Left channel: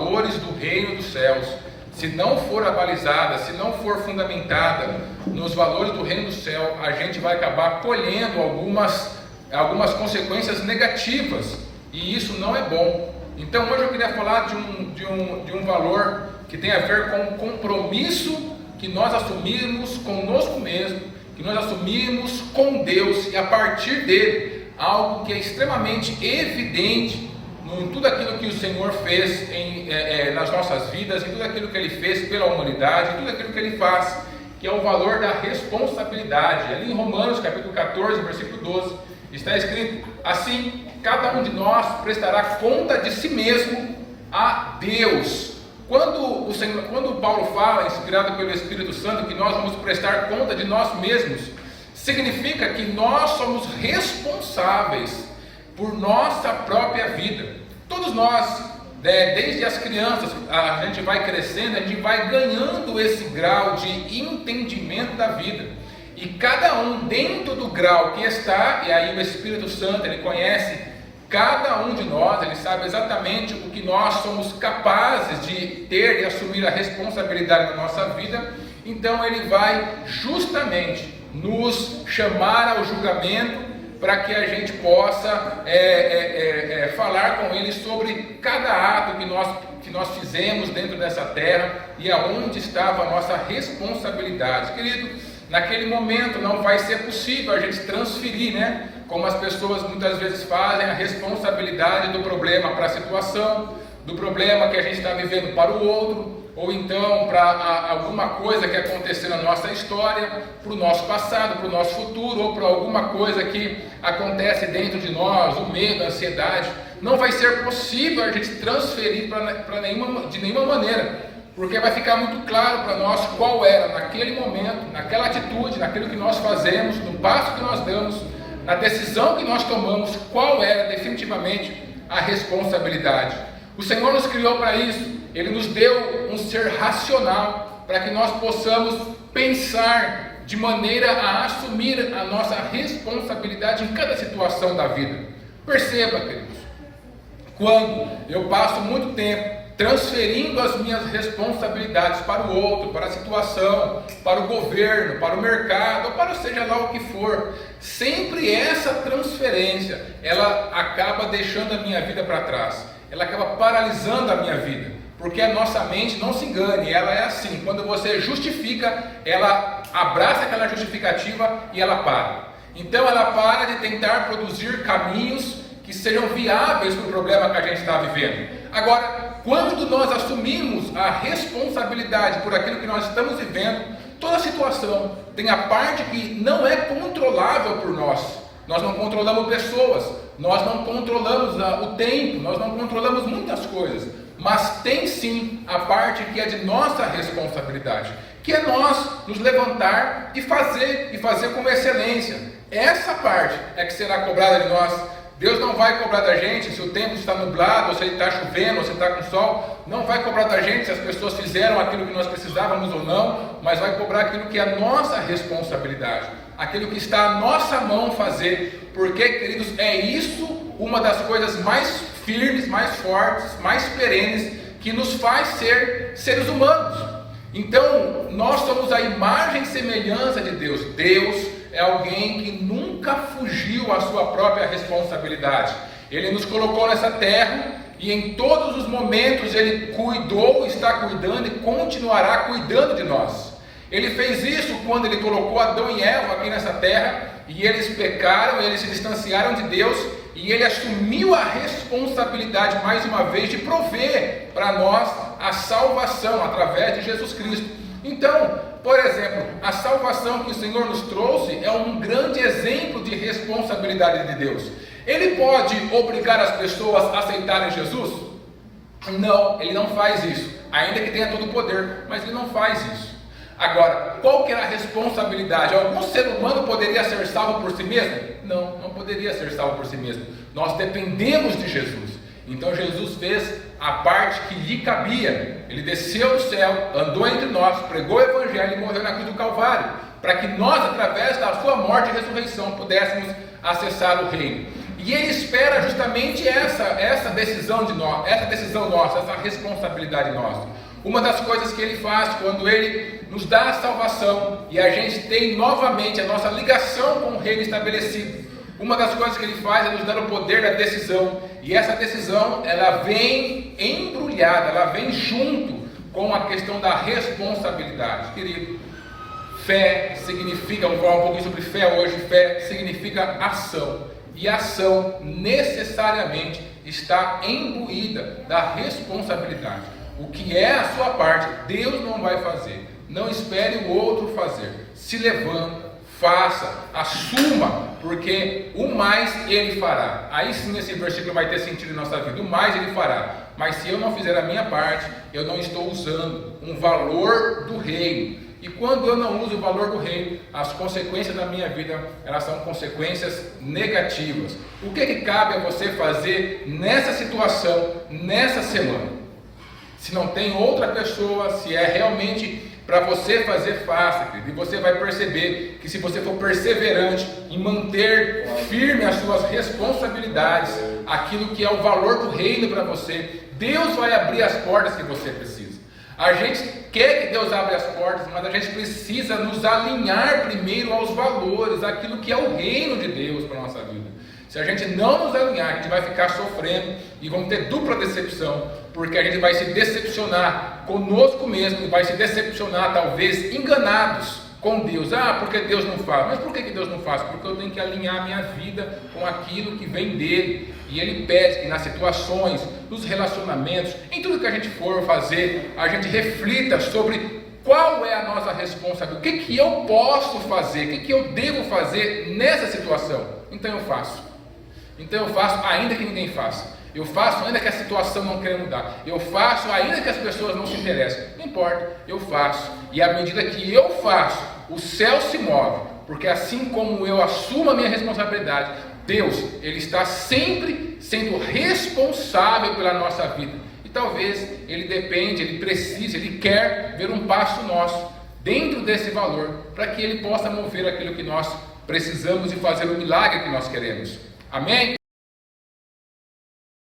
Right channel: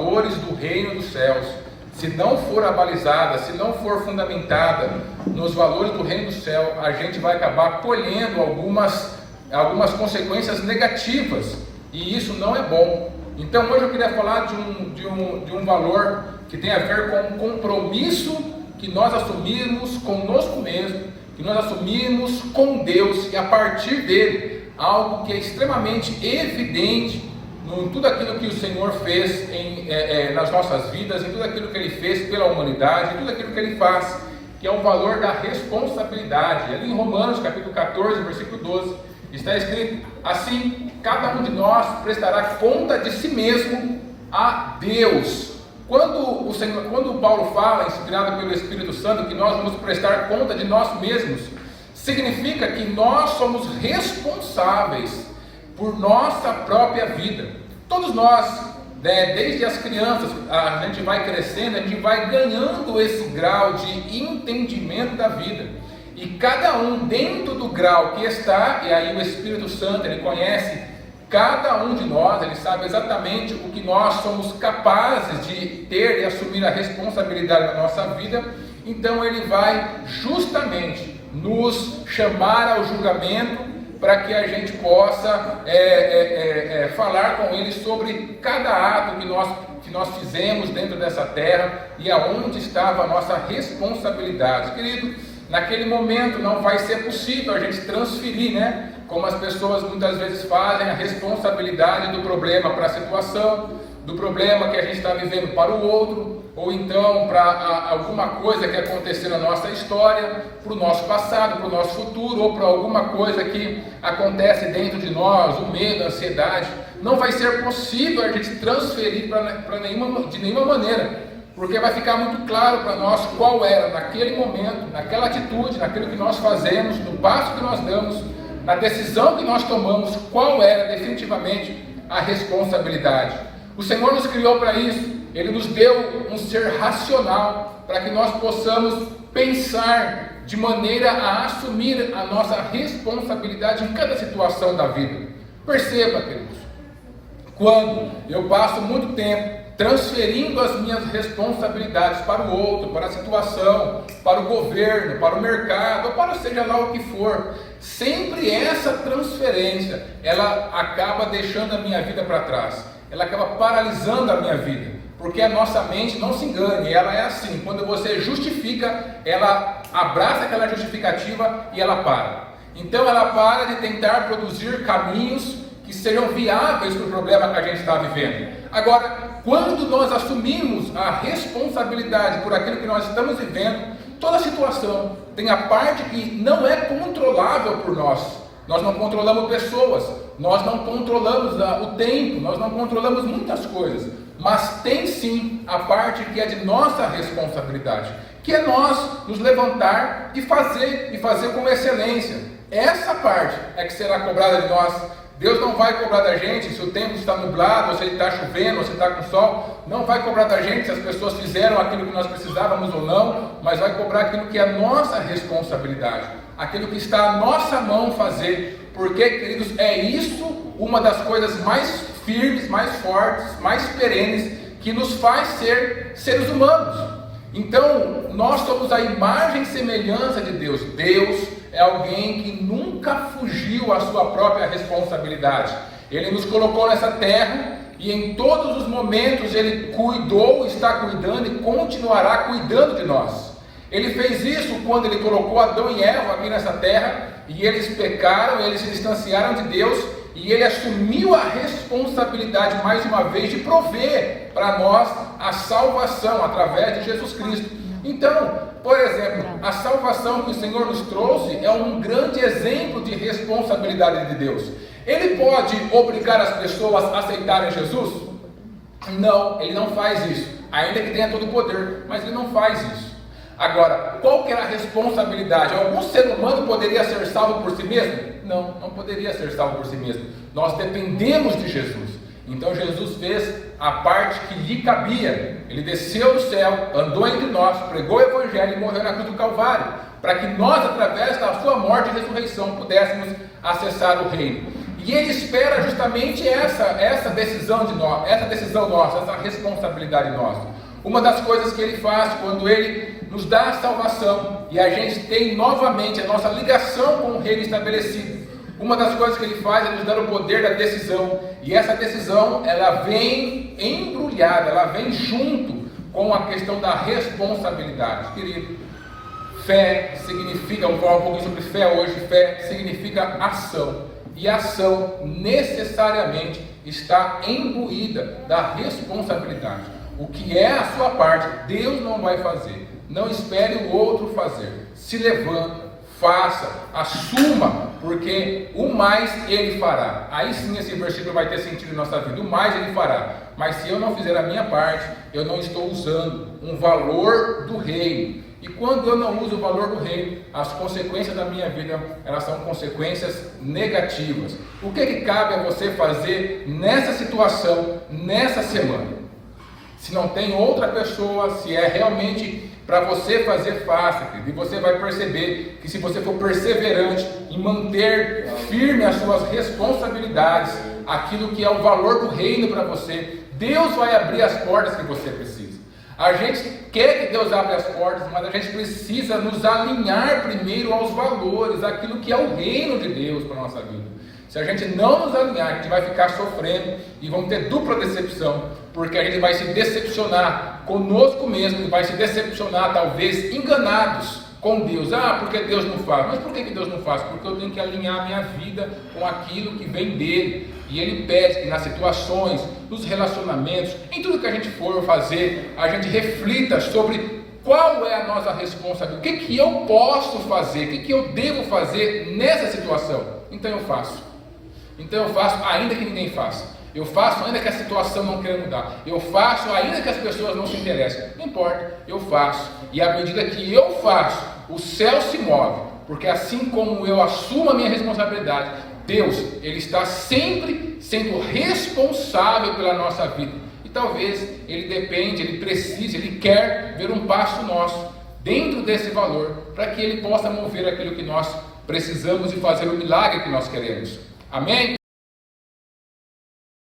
valores do reino dos céus, se não for abalizada, se não for fundamentada nos valores do reino do céu, a gente vai acabar colhendo algumas consequências negativas, e isso não é bom. Então hoje eu queria falar de um valor que tem a ver com o compromisso que nós assumimos conosco mesmo, que nós assumimos com Deus, e a partir dele, algo que é extremamente evidente em tudo aquilo que o Senhor fez nas nossas vidas, em tudo aquilo que Ele fez pela humanidade, em tudo aquilo que Ele faz, que é o valor da responsabilidade. Ali em Romanos capítulo 14, versículo 12, está escrito assim: cada um de nós prestará conta de si mesmo a Deus. Quando Paulo fala, inspirado pelo Espírito Santo, que nós vamos prestar conta de nós mesmos, significa que nós somos responsáveis por nossa própria vida. Todos nós, desde as crianças, a gente vai crescendo, a gente vai ganhando esse grau de entendimento da vida. E cada um dentro do grau que está, e aí o Espírito Santo, ele conhece cada um de nós, ele sabe exatamente o que nós somos capazes de ter e assumir a responsabilidade na nossa vida. Então ele vai justamente nos chamar ao julgamento, para que a gente possa falar com ele sobre cada ato que nós fizemos dentro dessa terra e aonde estava a nossa responsabilidade. Querido, naquele momento não vai ser possível a gente transferir, como as pessoas muitas vezes fazem, a responsabilidade do problema para a situação, do problema que a gente está vivendo para o outro, ou então para alguma coisa que aconteceu na nossa história, para o nosso passado, para o nosso futuro, ou para alguma coisa que acontece dentro de nós, o medo, a ansiedade. Não vai ser possível a gente transferir de nenhuma maneira, porque vai ficar muito claro para nós qual era naquele momento, naquela atitude, naquilo que nós fazemos, no passo que nós damos, na decisão que nós tomamos, qual era definitivamente a responsabilidade. O Senhor nos criou para isso. Ele nos deu um ser racional para que nós possamos pensar de maneira a assumir a nossa responsabilidade em cada situação da vida. Perceba, queridos, quando eu passo muito tempo transferindo as minhas responsabilidades para o outro, para a situação, para o governo, para o mercado, ou para seja lá o que for, sempre essa transferência, ela acaba deixando a minha vida para trás, ela acaba paralisando a minha vida, porque a nossa mente, não se engane, ela é assim: quando você justifica, ela abraça aquela justificativa e ela para. Então ela para de tentar produzir caminhos que sejam viáveis para o problema que a gente está vivendo. Agora, quando nós assumimos a responsabilidade por aquilo que nós estamos vivendo, toda situação tem a parte que não é controlável por nós. Nós não controlamos pessoas, nós não controlamos o tempo, nós não controlamos muitas coisas, mas tem sim a parte que é de nossa responsabilidade, que é nós nos levantar e fazer com excelência. Essa parte é que será cobrada de nós. Deus não vai cobrar da gente se o tempo está nublado, ou se ele está chovendo, ou se está com sol. Não vai cobrar da gente se as pessoas fizeram aquilo que nós precisávamos ou não, mas vai cobrar aquilo que é a nossa responsabilidade, aquilo que está à nossa mão fazer, porque, queridos, é isso uma das coisas mais firmes, mais fortes, mais perenes, que nos faz ser seres humanos. Então, nós somos a imagem e semelhança de Deus. Deus é alguém que nunca fugiu à sua própria responsabilidade. Ele nos colocou nessa terra e em todos os momentos Ele cuidou, está cuidando e continuará cuidando de nós. Ele fez isso quando Ele colocou Adão e Eva aqui nessa terra, e eles pecaram, eles se distanciaram de Deus, e Ele assumiu a responsabilidade mais uma vez de prover para nós a salvação através de Jesus Cristo. Então, por exemplo, a salvação que o Senhor nos trouxe é um grande exemplo de responsabilidade de Deus. Ele pode obrigar as pessoas a aceitarem Jesus? Não, Ele não faz isso, ainda que tenha todo o poder, mas Ele não faz isso. Agora, qual que era a responsabilidade? Algum ser humano poderia ser salvo por si mesmo? Não, não poderia ser salvo por si mesmo. Nós dependemos de Jesus. Então Jesus fez a parte que lhe cabia. Ele desceu do céu, andou entre nós, pregou o Evangelho e morreu na cruz do Calvário, para que nós, através da sua morte e ressurreição, pudéssemos acessar o reino. E Ele espera justamente essa decisão de nós, essa decisão nossa, essa responsabilidade nossa. Uma das coisas que Ele faz quando Ele nos dá a salvação e a gente tem novamente a nossa ligação com o Reino estabelecido, uma das coisas que Ele faz é nos dar o poder da decisão. E essa decisão, ela vem embrulhada, ela vem junto com a questão da responsabilidade. Querido, fé significa, vamos falar um pouquinho sobre fé hoje, fé significa ação. E a ação necessariamente está imbuída da responsabilidade. O que é a sua parte, Deus não vai fazer. Não espere o outro fazer. Se levanta, faça, assuma, porque o mais Ele fará. Aí sim esse versículo vai ter sentido em nossa vida. O mais Ele fará. Mas se eu não fizer a minha parte, eu não estou usando um valor do reino. E quando eu não uso o valor do reino, as consequências da minha vida, elas são consequências negativas. O que cabe a você fazer nessa situação, nessa semana? Se não tem outra pessoa, se é realmente para você fazer fácil, e você vai perceber que se você for perseverante em manter firme as suas responsabilidades, aquilo que é o valor do reino para você, Deus vai abrir as portas que você precisa. A gente quer que Deus abra as portas, mas a gente precisa nos alinhar primeiro aos valores, aquilo que é o reino de Deus para a nossa vida. Se a gente não nos alinhar, a gente vai ficar sofrendo e vamos ter dupla decepção, porque a gente vai se decepcionar conosco mesmo e vai se decepcionar, talvez, enganados com Deus. Ah, porque Deus não faz? Mas por que Deus não faz? Porque eu tenho que alinhar a minha vida com aquilo que vem dele. E Ele pede que nas situações, nos relacionamentos, em tudo que a gente for fazer, a gente reflita sobre qual é a nossa responsabilidade. O que eu posso fazer? O que eu devo fazer nessa situação? Então eu faço. Então eu faço ainda que ninguém faça. Eu faço ainda que a situação não queira mudar. Eu faço ainda que as pessoas não se interessem. Não importa, eu faço. E à medida que eu faço, o céu se move. Porque assim como eu assumo a minha responsabilidade, Deus, Ele está sempre sendo responsável pela nossa vida. E talvez Ele depende, Ele precisa, Ele quer ver um passo nosso dentro desse valor, para que Ele possa mover aquilo que nós precisamos e fazer o milagre que nós queremos. Amém?